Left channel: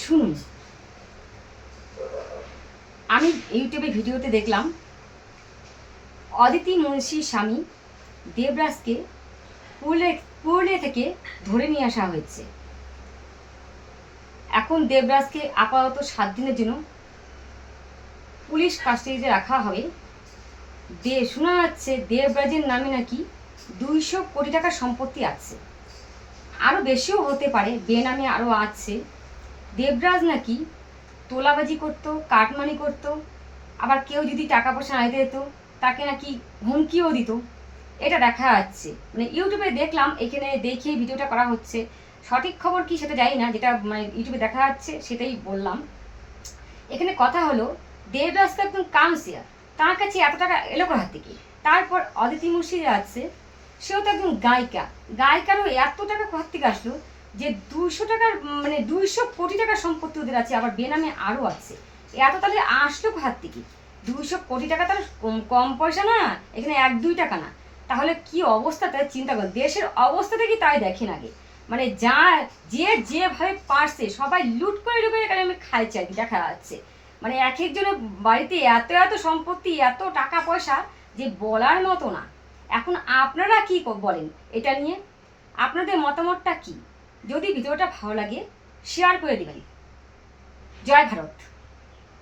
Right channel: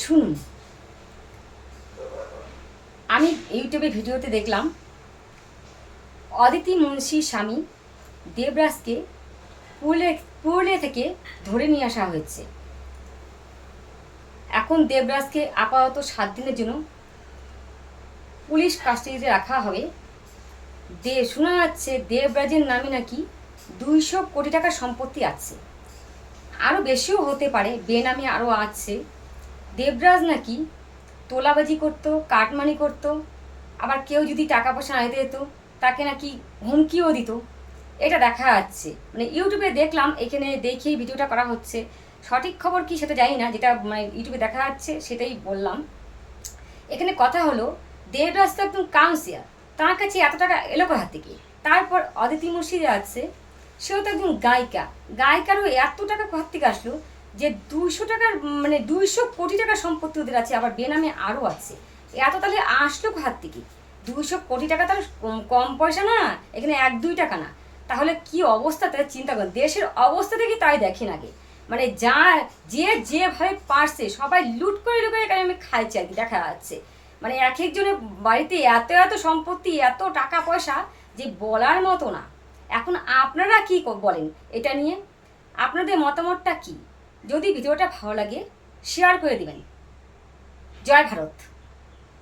শুনুন, আমি ইউটিউবে ভিডিওতে দেখলাম অদিতি মুন্সির স্বামী দেবরাজকে পুরুলিয়া থেকে ধরে নিয়ে আসা হয়েছে। এখন দেবরাজকে আপাতত 7 দিনের জন্য পুলিশ কাস্টাডিতে রাখা হবে। শোনা যাচ্ছে দেবরাজের নামে নাকি 200 কোটি টাকার সম্পত্তি আছে, আরও বেশিও হতে পারে, বেনামে আরও আছে। দেবরাজ নাকি তোলাবাজি করতো, কাটমানি করতো, আবার কেউ যদি টাকা পয়সা না দিতে যেত তাকে নাকি হুমকিও দিত। এটা দেখা যাচ্ছে, মানে ইউটিউবে দেখলাম, এখানে দেখে ভিডিওটা করা হচ্ছে। সঠিক খবর কি সেটা জানি না, যেটা মানে ইউটিউবে দেখা যাচ্ছে সেটাই বললাম। এখানে কথা হলো, দেবরাজ তো একদম কাউন্সিলর, তার কাছে এত টাকা এলো কোথা থেকে? তারপর অদিতি মুর্শিদে আছে, সেও তো একজন গায়িকা, গায়িকারও এত টাকা কোথা থেকে আসলো যে 200 টাকার মানে 200 কোটি টাকার সম্পত্তি ওদের আছে, আবার বেনামে আরও আছে। এত তাহলে আসলো কোথা থেকে? 200 কোটি টাকা তাহলে কম পয়সা না, এখানে 1-2 টাকা না। তাহলে কি অবস্থা, তাহলে চিন্তা করেন, দেশের অবস্থা থেকে তাই দেখেন আগে। মানে যেভাবে পারছে সবাই লুট করে আমি খাইছে আর কি, দেখা যাচ্ছে। মানে এক একজনের বাড়িতে এত এত সম্পত্তি, এত টাকা পয়সা যে বলার মতো না। এখন আপনারা কি বলেন এটা নিয়ে? আপনাদের মতামতটা কি? যদি ভিডিওটা ভালো লাগে শেয়ার করে দিবেন। জয় ভারত।